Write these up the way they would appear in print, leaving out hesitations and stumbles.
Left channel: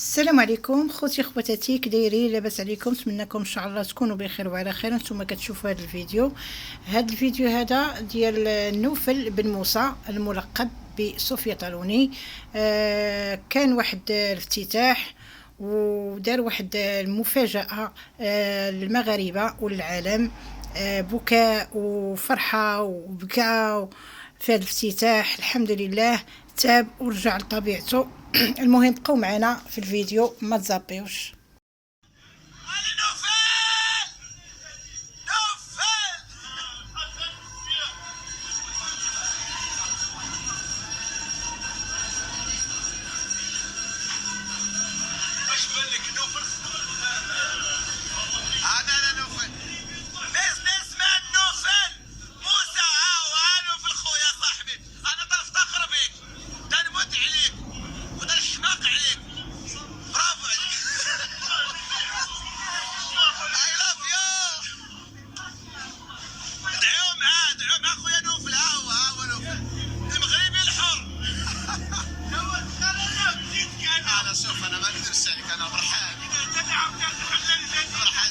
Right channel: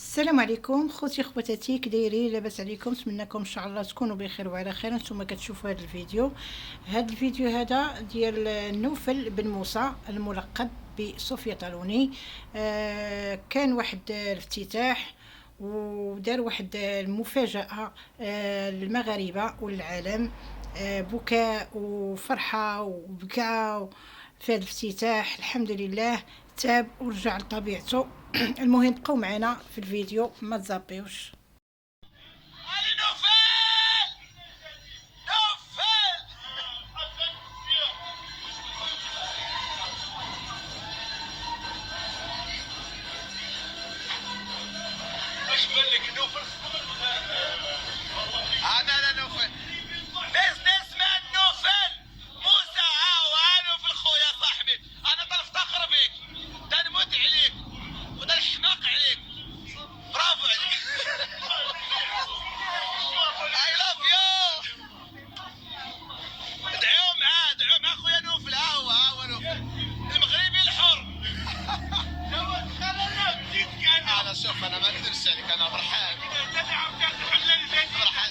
السلام عليكم خوتي خواتاتي، كدايرين؟ لاباس عليكم؟ نتمنىكم ان شاء الله تكونوا بخير وعلى خير. نتوما كتشوفوا هذا الفيديو. هذا ديال نوفل بن موسى الملقب بصوفيا طالوني. كان واحد الافتتاح ودار واحد المفاجأة للمغاربة وللعالم. بكاء وفرحة وبكاء في هذا الافتتاح. الحمد لله تاب ورجع لطبيعته. المهم بقوا معنا في الفيديو، ما تزابيوش. شوف انا ما اكذبش عليك، انا فرحان فرحان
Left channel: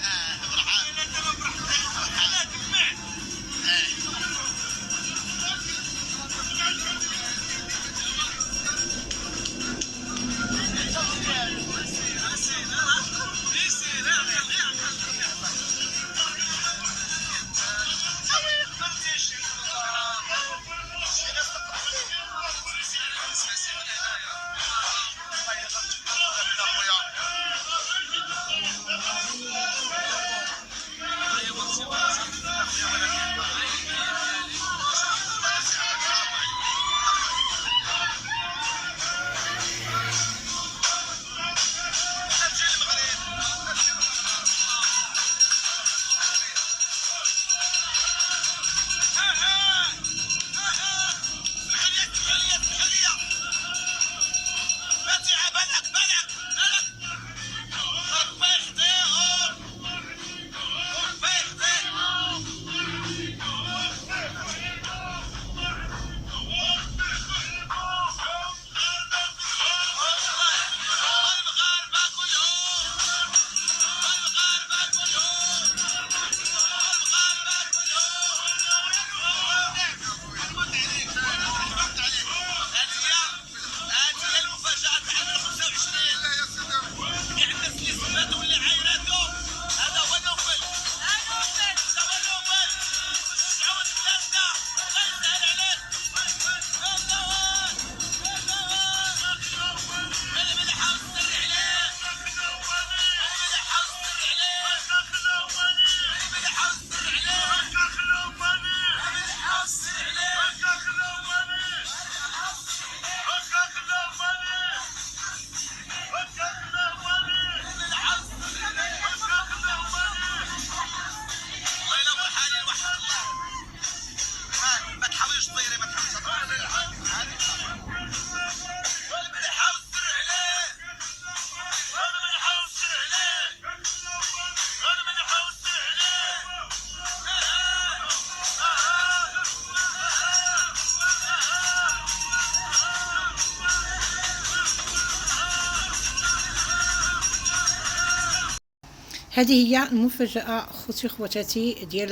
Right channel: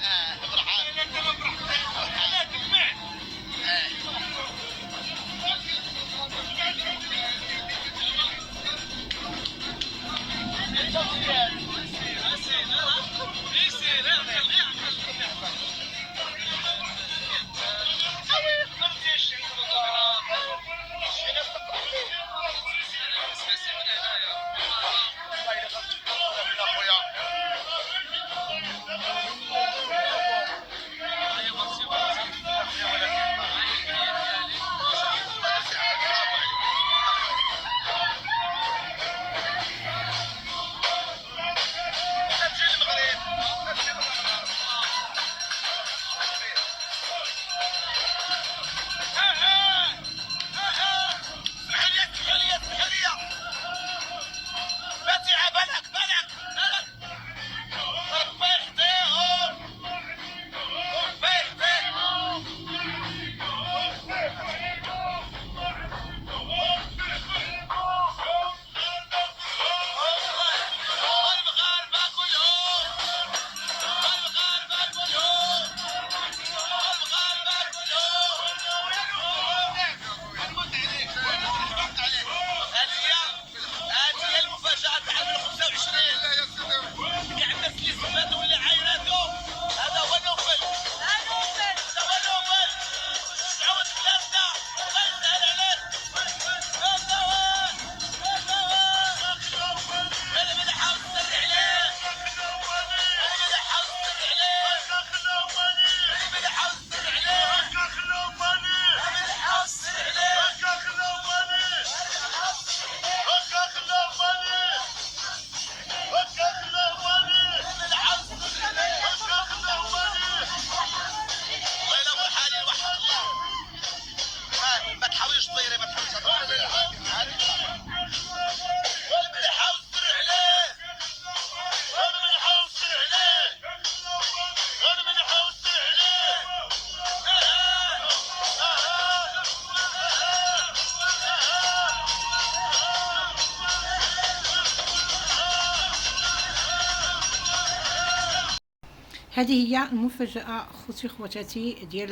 هذه هي المفاجأة خوتي خواتاتي ديال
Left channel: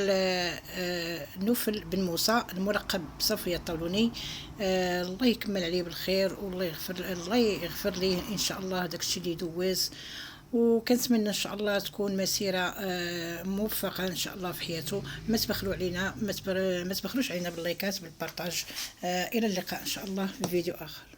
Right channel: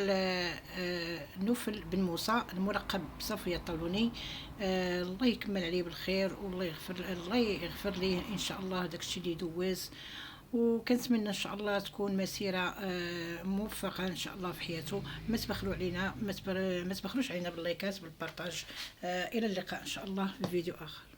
نوفل بن موسى الملقب بصفية الطالوني. الله يكمل عليه بالخير والله يغفر ليه ان شاء الله داكشي اللي دوز. وكنتمنى ان شاء الله تكون مسيره موفقه ان شاء الله في حياته. ما تبخلوا علينا، ما تبخلوش علينا باللايكات بالبارطاج. الى اللقاء ان شاء الله في فيديو اخر.